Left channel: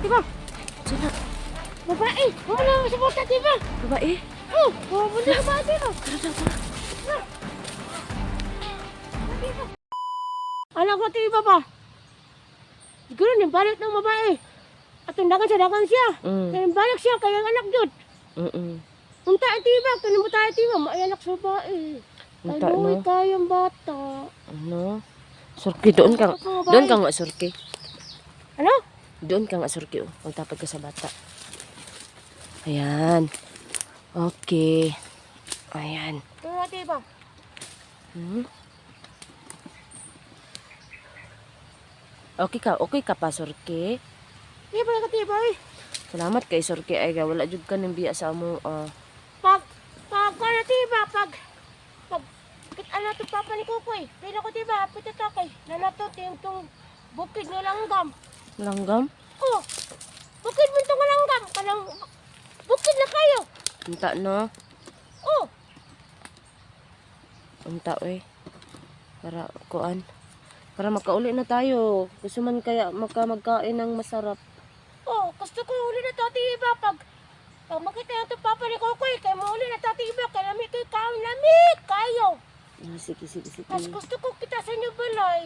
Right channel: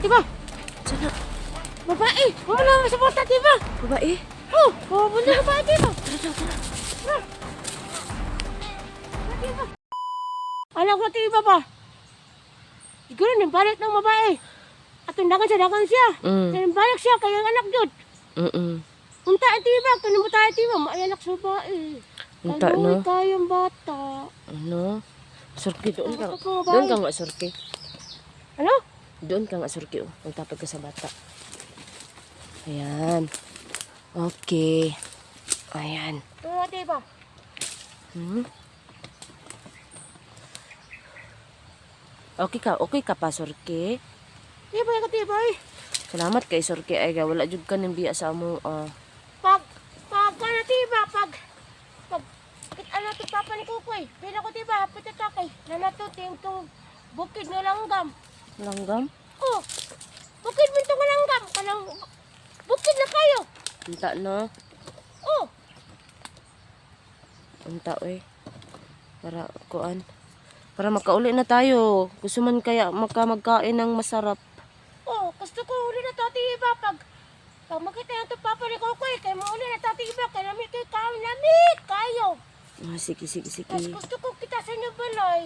Diba? Sana. Babae! Wala na sa bata, diba? Babae? Oh, bunda na ba, diba? Tara. Anak ko, diba ba? Siguro balik ng babae. At undangan siya. Balik siya, kaya anak jud. Unta, diba? Kung mo tayo, diba? May anak sa babae. Unta, Kaluwi no? kayong bata. Ano? Surki, doon ka nga surki. Ano? Doon ka nga surki, oh. Magtapad ka sa bata. Ayan. Okay. Ayan. Ano, diba? Okay ka pa, surki. Diba ka, diba? Salamat kay surki. Ay, wala jud ka ng biya sa amo. Pag, ano, diba? Ano, papa ni Kukoy. Pina ko, diba? Pitakakay. Nanato, tong bukid ng langgam. Langgam? Oh, bukid mo itong langgam. Kanang, bukid na kayo. Unta, no? Oh, Unta, eh. Para makauli na tayo. Gusto man kaya magkain ng masarap. oh, gusto ko uli na to, diba? Pag makita yung papa ni Kukoy, kaya mauli na to, diba? Kaya lamit kayo. Sige. Mas gusto ko kita sa inyo balay.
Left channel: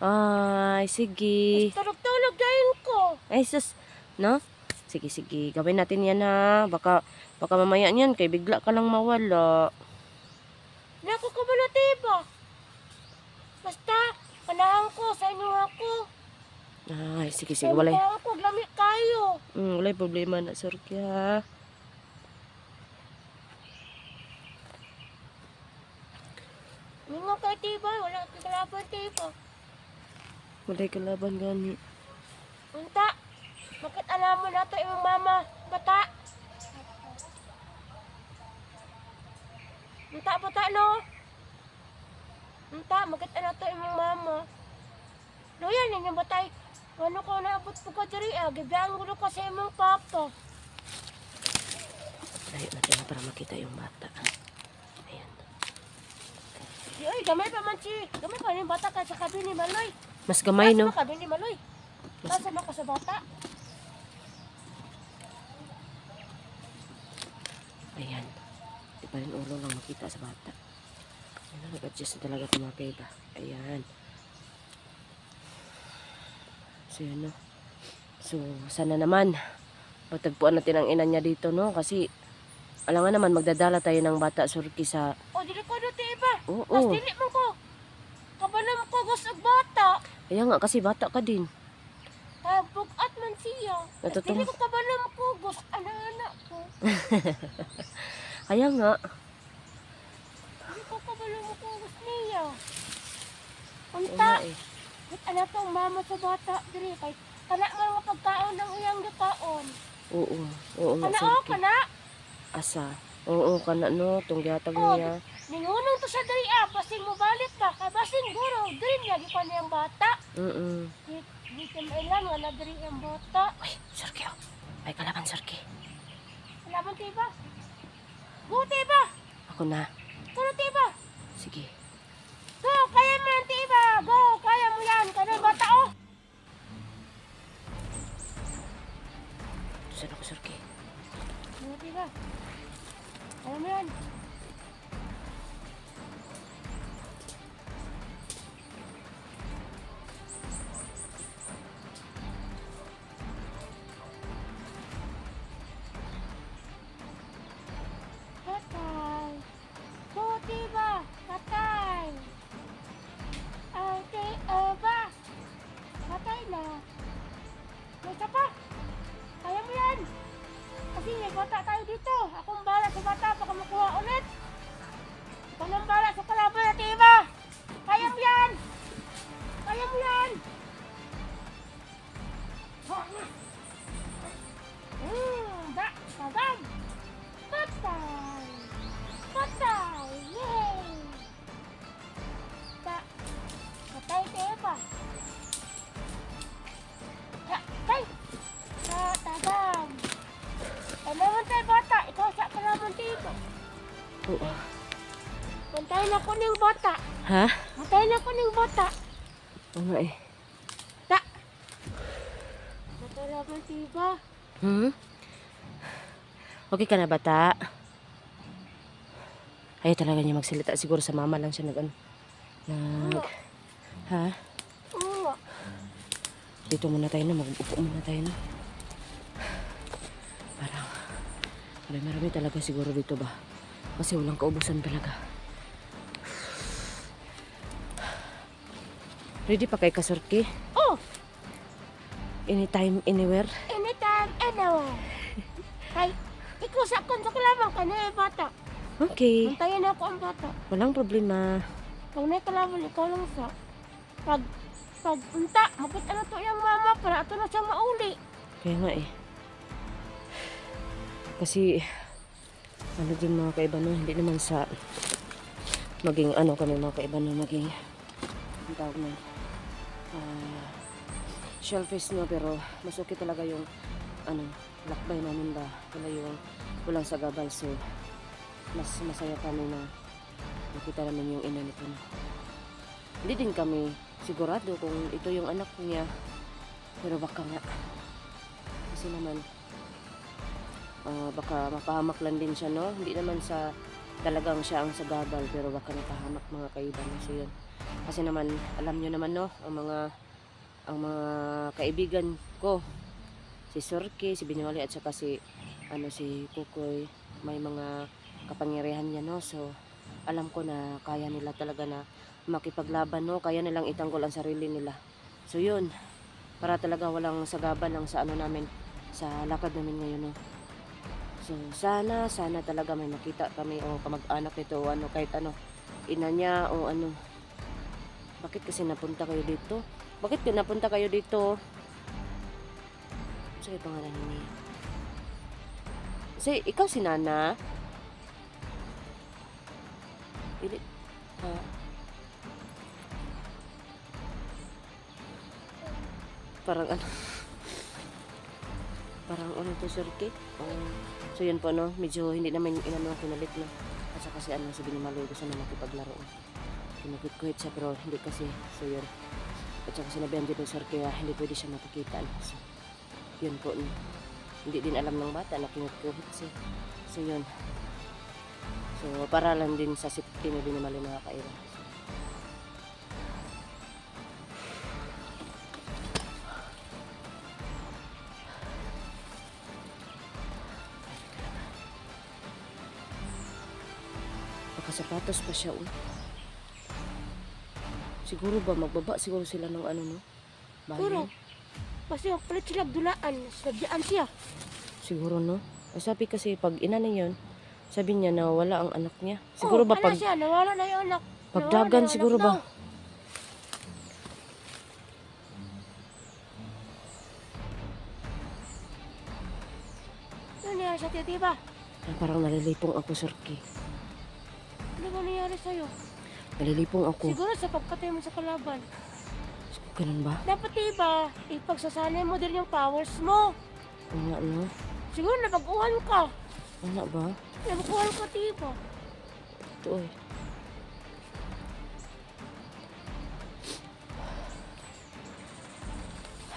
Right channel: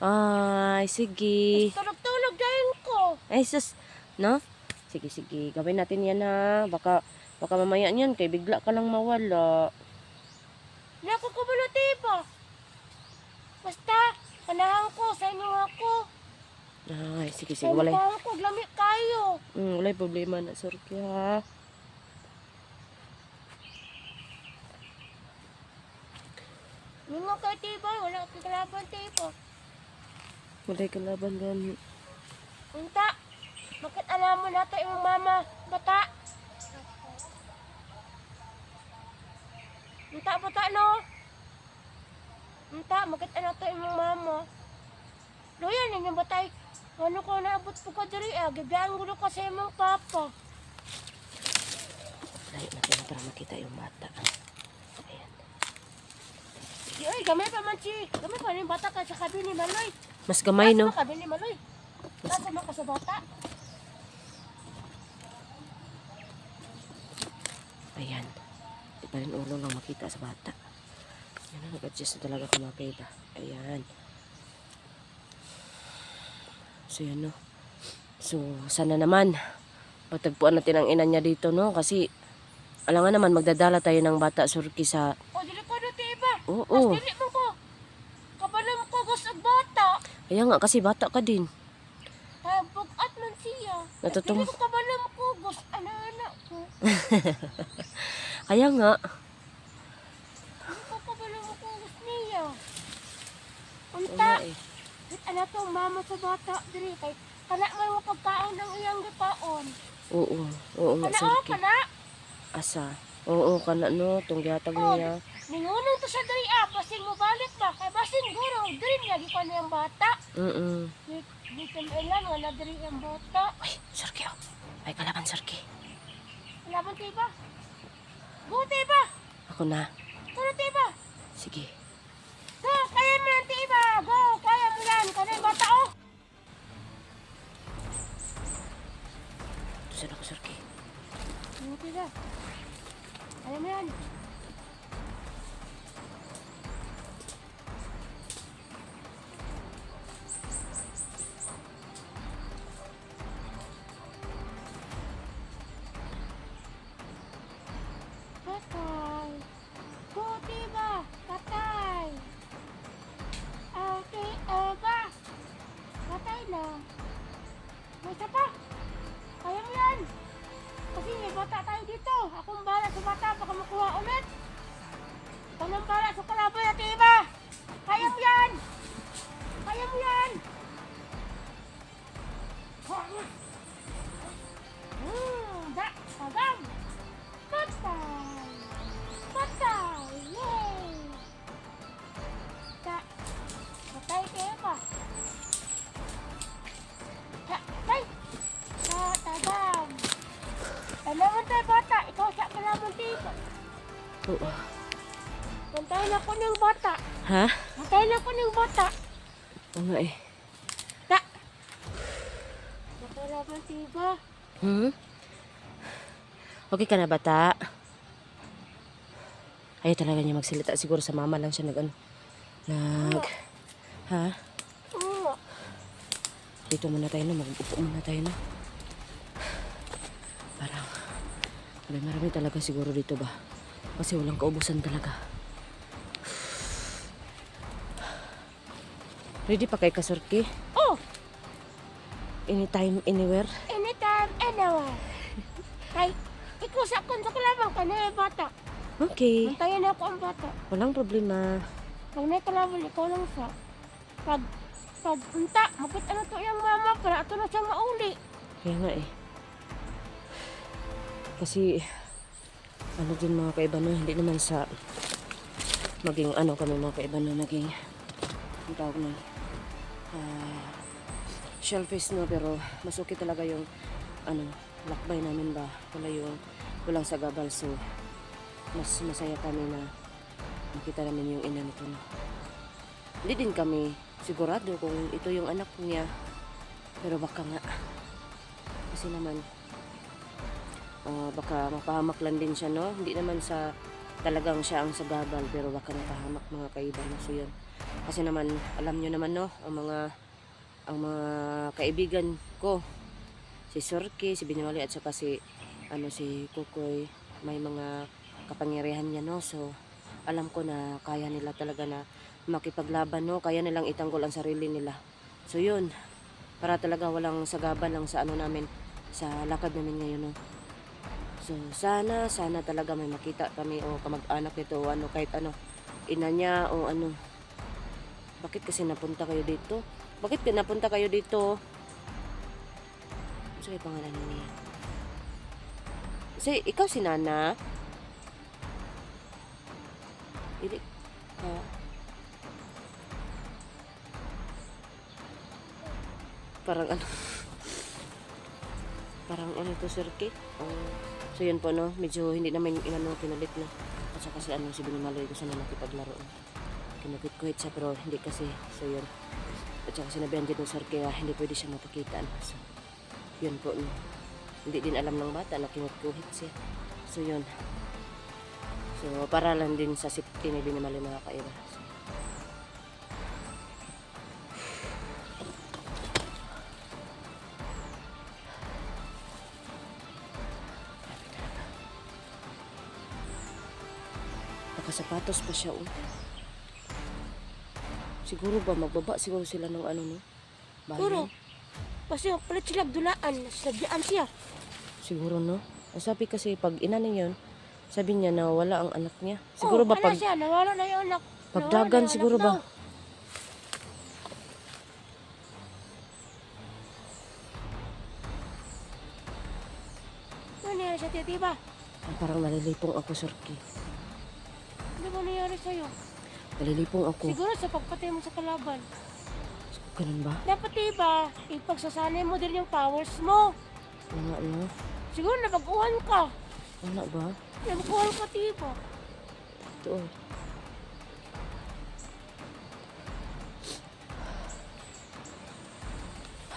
Ay, sige. Tulog-tulog dahil ko. Ay, sus. No? Sige. Gawin natin yan, ha. Baka mamaya niyan, kay bigla ka lang mawala. Naku ko ba na, diba? Basta, panahan ko, sa inyo ako. Ay, sige. Sa inyo ako, lamit kayo. Walay problema na, surki, ha. Mga kay diba? Wala kang kalaban, diba? Walay kalaban gani. Unta, bakit alam mo nato yung mama, bata? Bata, no? Unta, bakit alam nato yung mama? Loyan yun yung batay. Ano ko naabot po ka diri, gibiyang gulo ka sa imong papa. Layo natin na para makita yung bata. Ayan. Ay, gamay pa man gamay pa yung bata ka sa kabi ni Maloy. Mas gamay, no? Kabi ni Maloy. Nasa na ka sa bata? Ayan. Di pa rin ulo lang makita sa bata. Nag-adjust na talaga kumakay ba? Ayan. So, yun, no? So, sana naman matagpuan natin ang ina niya dito, no? Kasi, alam nga naman, magdadala tayo ng bata surki sa... O, dili ko dito iba. Oo. Mas dili mo ko. Kabalam ko gusto bata. Kaya nga, kasi bata ka din. Bugat man siya. Natutong... Dili ko kabalam ko gusto anak ko. Kaya nga. Dili ko kabalam ko gusto niya. Oo Unta. nga, eh. Bit anak tong mama sa bata diri kay kana man nga pagkaon ng iyang gikaon. Oo nga, Kana surki. kana. Asa? Oo, kana, no? Itong gihatag niya. Ningunon to sa diri basing mo balik ba kay basing guro diri niya gikon niyang bata. Di kailan nga na diri ang bata. Uy, surki, oh. Ay, kalaban, surki. Laban kay ba? Buti ba? Ako na. Kuno ba? Sige. Go, kaya mo yan, tiba. Go, kaya mo yan. Kaya yung bata, oh. Saan ako, surki? Buti na. Kaya mo yan. Patay. Buti ba? Patay. Okay, ba? Patay na. May isa pa. Kaya mo yan. Kasi may bata tayo dito. Akong bahala sa bata. Baka makuha ulit. Ikaw nang bahala sa kalaban natin iba. Kaya mo yan. Kaya mo yan. Pagam. Patay. Patay. Yay. Patay kayo pa. Patay. Patagam. Kailangan tayo bata. Ikaw sa kalaban dito. Oo. Bantayin ako ng bata. Ha? Bantayin ako ng bata. Oo nga, eh. Ta. Wala bang tiba? Hmm? Okay ka na, bata? Ayaw talaga niya magsalita. Siguro sa mama lang siya Ha? Oo. Dito muna tayo na. Mag-upo muna tayo na. Parang marami talaga siguro dito ba? Kasi walang kaubusan talaga. Ready pa kay Kasurki? Oh! Anytime, anywhere? Anytime, anywhere. Kay, ikaw sa kalaban ka na bata. Okay. Bantayan ako ang bata. Walang problema. Pag may kalaban, ikaw lang sa. Pag unta, makita na to yung mama para ato na siyang mauli. Kaya nga eh. Kasi, ano din mga kaibano, hindi naman sa maging kami mga kaibano, maging ang tawag na shellfish no, pero mas okay talaga yung lakbay namin ba, walang sagabal, so mas masaya kami na makita namin yung ina nito no. Hindi din kami sigurado kung ito yung anak niya, pero baka nga kasi naman baka mapahamak lang din siya no, hindi naman sa talagang siya ang sagabal, pero baka mapahamak mga kaiban no. So yun, kasi naman alam nyo naman no, ang mga kaibigan ko, si Surki, si Binimali at saka si Kukoy, may mga kapangyarihan niya no. So alam ko na kaya nila talaga na makipaglaban no, kaya nilang itanggol ang sarili nila. So yun, para talaga walang sagabal lang sa namin, sa lakad namin ngayon no. So sana talaga may makita kami o kamag-anak nito o kahit ina niya o Bakit kasi napunta kayo dito? Bakit napunta kayo dito? Sige pangalan niya. Ikaw si Nana? Hindi ka. Parang Parang ito, Sir Kate? So yun po no, medyo hindi naman kinalit no. At saka si Binimaloy gusto na makipaglaro. Kinukit-kuhit siya pero hindi kasi. So yun. At saka sinabihan din ng Sir kaya hindi pwede siya mapakita no. So yun po no. Hindi din alam ng bata na kinukit-kuhit siya. So yun. So para lang din sa safety ni Binimaloy mga kaiba. So, sapatos pa siya Siguro ba magbaba siguro sila ng no? Pero, Bayan. kasi palit sila dulaan sa diyan siya. Siguro no. Ang sabi kasi pag ina niya yun, sabi niya na wala ang anak niya. Siguro ba wala siya, nawala na yung anak. Pagdagan siguro ba? Ano nangyari sa titi ba? Parang nalilipong ako, Surki. Ano ba nangyari sa'yo? Nalilipong ako. Siguro sa pagpatay mo sa kalaban. Ganun ba? Dapat diba, ipagsasanay mo din yung powers mo. Oo nga no. Siguro nabaguhan ka. Ano ba? Nabaguhan ka diba? Ito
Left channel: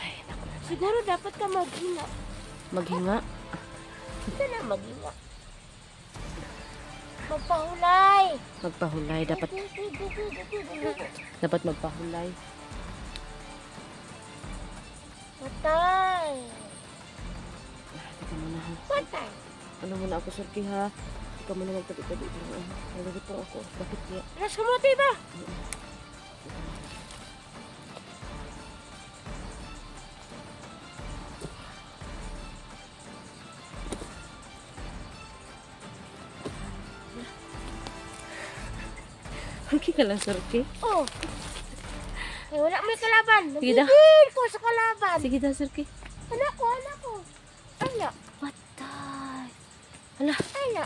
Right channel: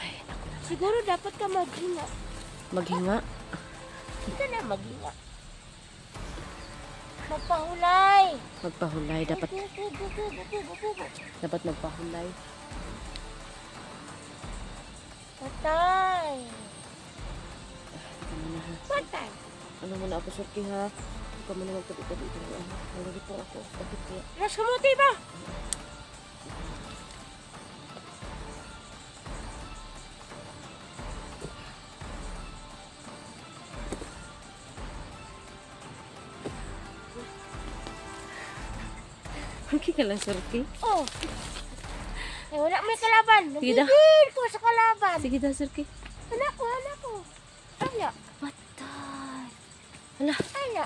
Ay, naku naman. Siguro dapat ka maghinga. Maghinga? Ito na maghinga. Magpahulay. Magpahulay. Dapat magpahulay. Patay. Ito muna ha. Patay. Ano muna ako, Surki ha? Ikaw muna magtabi-tabi. Nalilipong ako. Bakit kaya? Alas ka mo, diba? Okay ka lang, Surki. Oh. Wala may kalaban. Sige daw. Nagigil ko sa kalaban. Sige daw, Surki. Anak ko. Ala. Patay. Hala. Ala.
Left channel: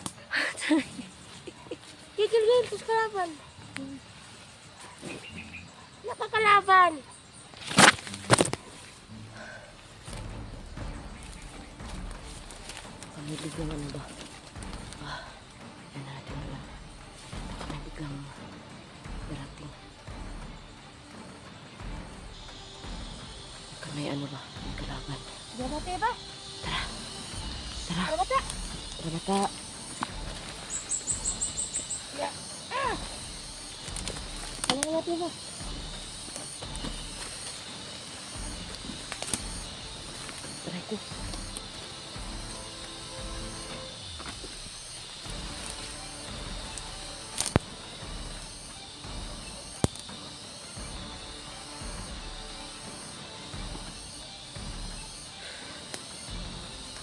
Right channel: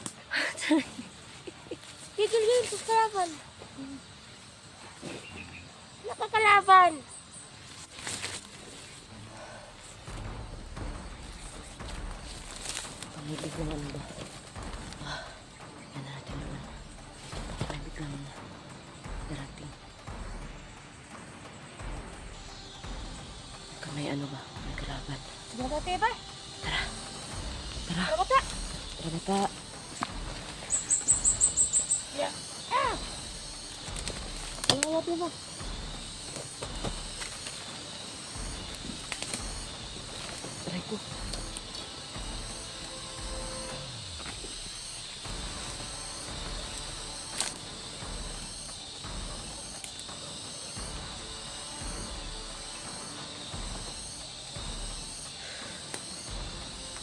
Gigil ko sa kalaban. Nakakalaban. May biglang ba? Yan na natin doon. Baka may biglang darating. Baka may ba? May may kalaban. Diyan natin ba? Tara. Tara. Tara bata. Tara bata. Ya. Ah! Tara natin ba? Aray ko.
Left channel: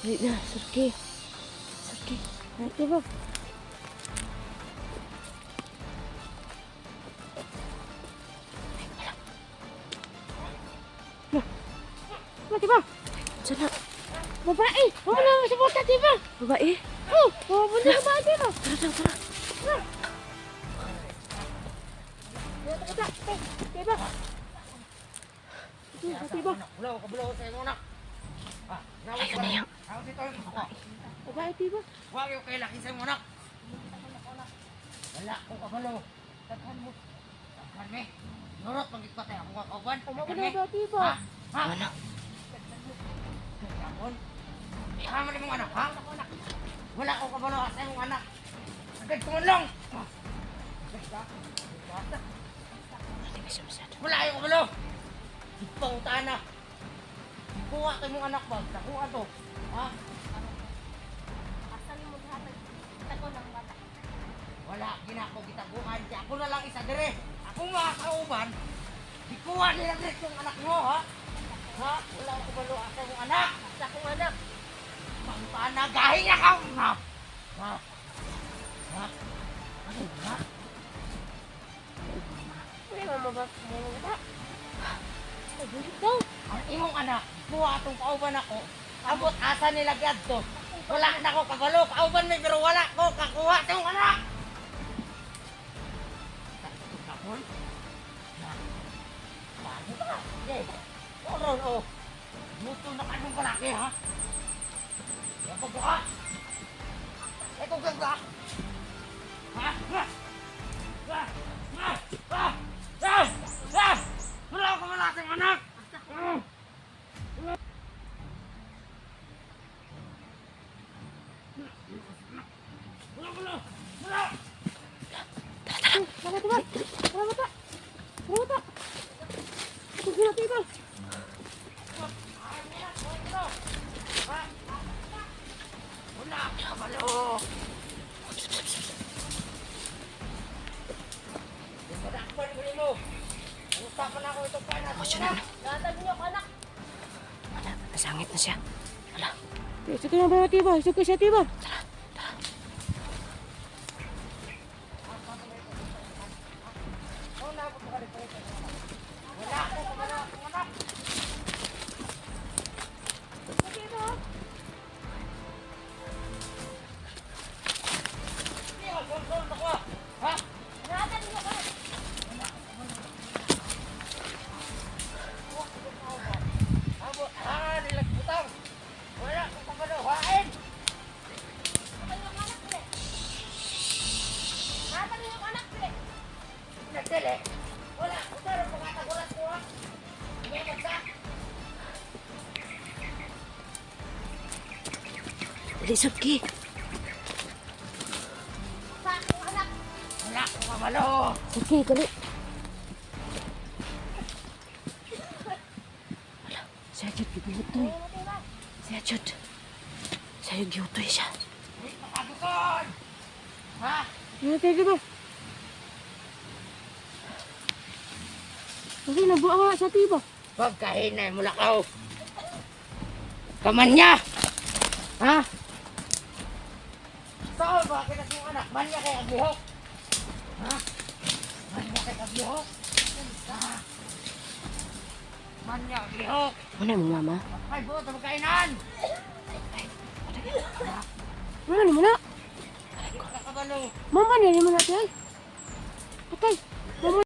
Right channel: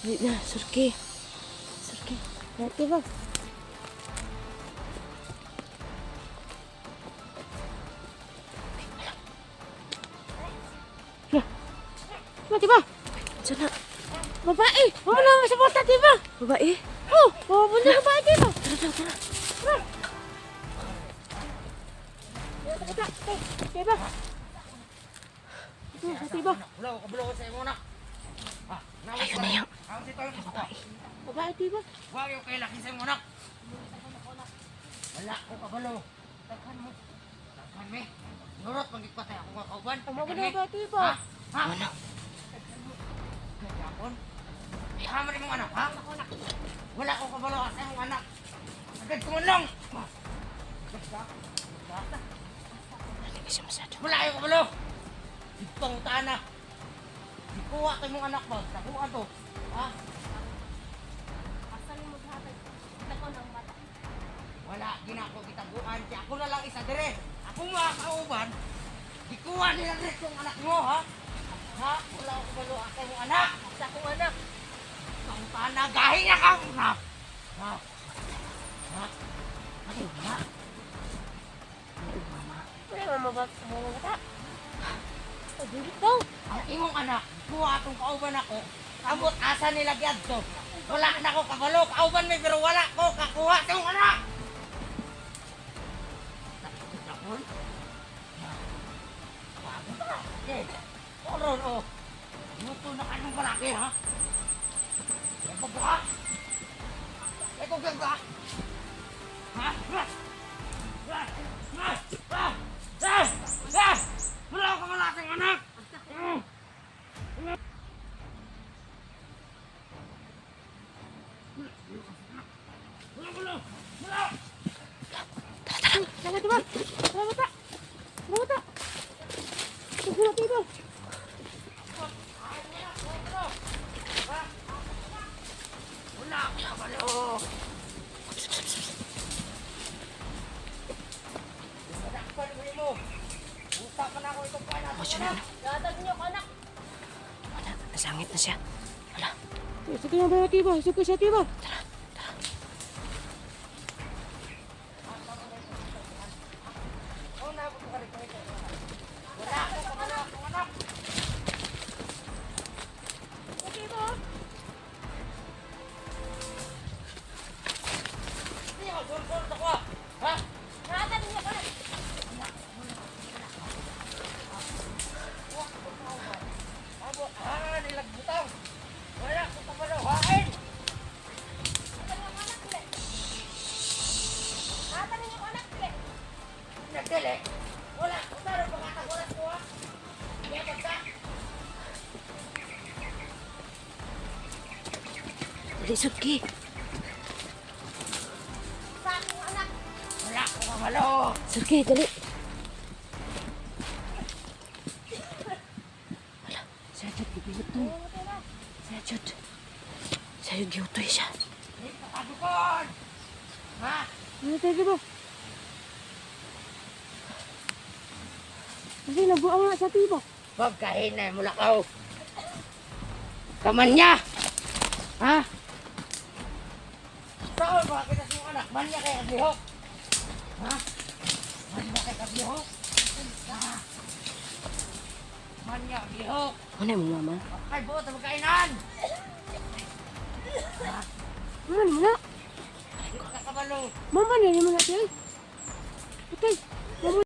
Dali na, Surki. Surki. Natin ba? Natin ba? Diyan na. Babae! Wala mo sa bata, di ba? Babae. Oh! Wala na babae dito! Tara, tara, tara. Diba? Diba? Bulo, kabulo ko sa imo na. Ah, nawag Ayun na yan. Nawag si Toyo ko. Babae, diba? Huwag yung kay laki sa imo na. Wala ko kabalo. Taghan mo. Taghan me. Nurot magigpatay ako kakauban. Umabot na ba, diba? Ha? Ha? Ano? Taghan mo. Kapon. Tama rin mong anak, ha? Wala ko kabalo sa imong anak. Agad tumulong. Agad ka? Agad ka? Hindi ba siya masyado? Wala yung kabalo. Ipangutahan na. Ikuha kayo mong anak ba? Nakuha to. Ha? Asan mo hatag? Kita ko ng bata. Wala, ginako gitaguan. Kaya ako na lang isa dire. Ako mga kauban. Ikuha nila rin yung anak mo, ha? Ha? Wala ko kabalo sa imong anak. Sa akong anak. Pangutahan na. Gahi na ka. Ha? Ha? Ha? Ano ba? Hindi mo mabata. Dili daw. Ang imong anak, kuha itong kauban ako. Abot asa nila gyadto. Wala na ko kabalo. Kauban may pero wala ko kakuha itong anak. Tapon? Wag ba? Okay. Oron o. Muto na kanong kalaki ha? Eko ba? Eko ganda. Ha? Ha? Ha? Ha? Ha? Ha? Ha? Wala ko malaking anak. Tara, diba? Tara, bata. Tara, bata. Sige na, diba? Wala ko kabalo. Oh, siya na. Latag niyo ko, anak. Wala, nasangit na siya. Wala. Sige na ba, diba? Sige siya, diba? Tara, tara. Wala ko kabalo. Hain! Latag niyo ko, anak. Nagdali. Wala ko taro pagkatagulas ko ha. Hindi magka. Dali, Surki. Sa akong anak. Wala ko kabalo. Surki, dali. Wala, siya jud gibihutoy. Siya jud. Siya jud gihutoy siya. Kadukon! Ha? Ano tayo, diba? Kasi nabuang nga sa tiba. Pagkahinay mo lakaw. Kaman niya! Ha? Saan ba kita sa anak? Man niya kay aglihok. Ha? Man niya kay aglihok. Ha? Man niya aglihok. Ano mo, mama? Ay, buot ang kainan. Ano naman na? Hindi ka kabalo. Mama niya naman natin. Patay.